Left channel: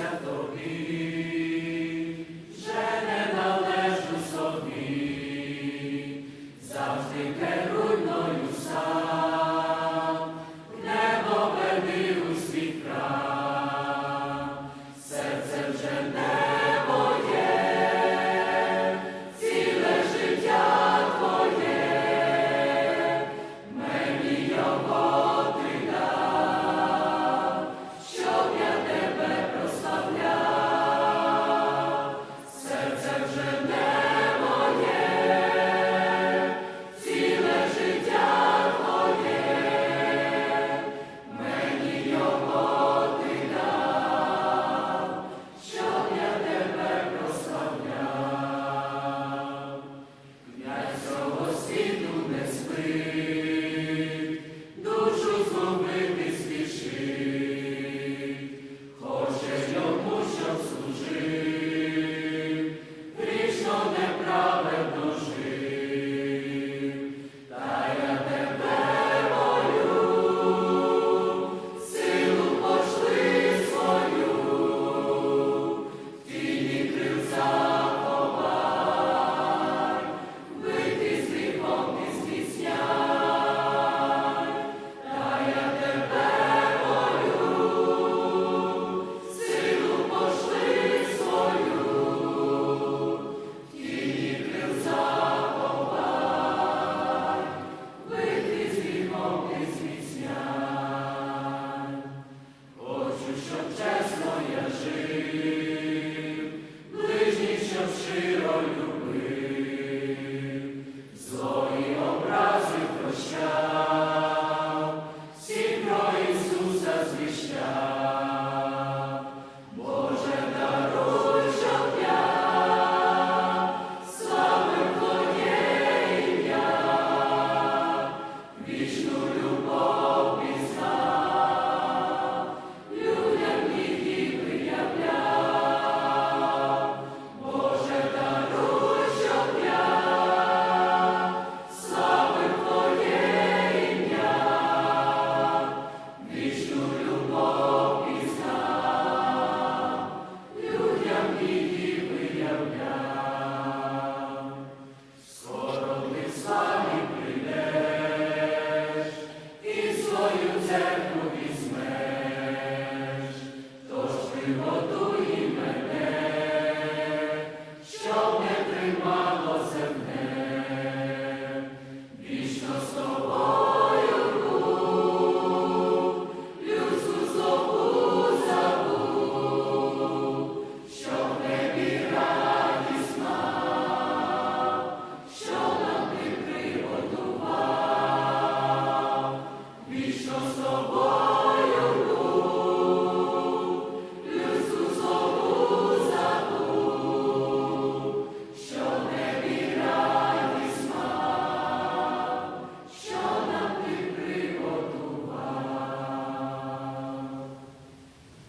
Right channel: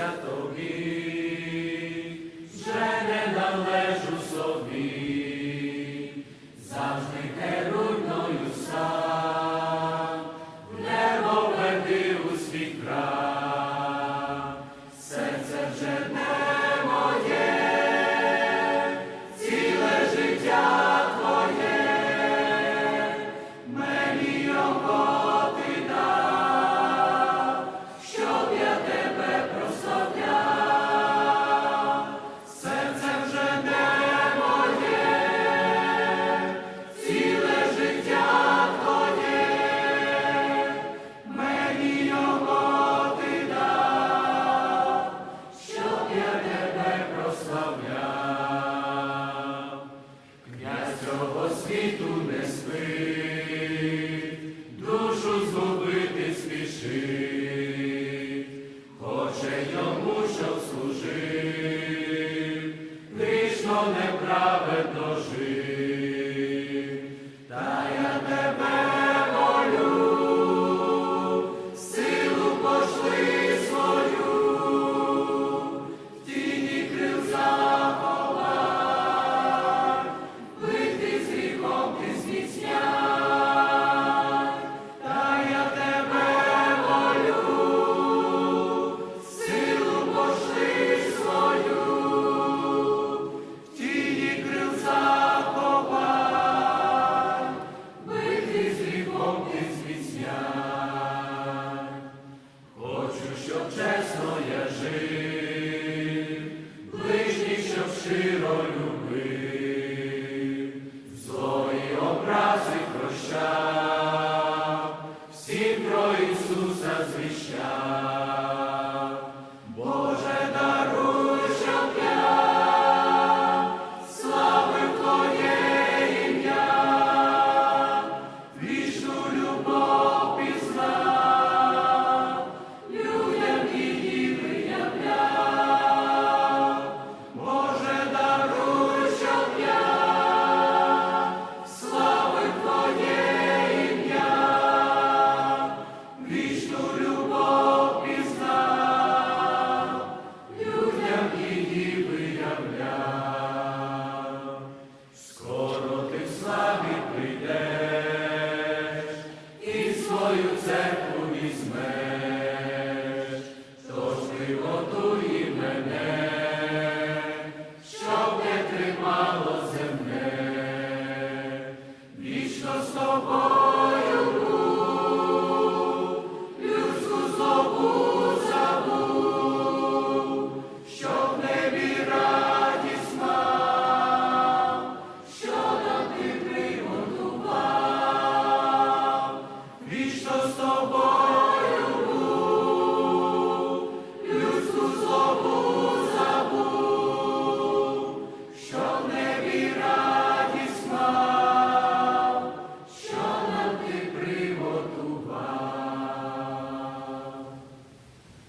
santo.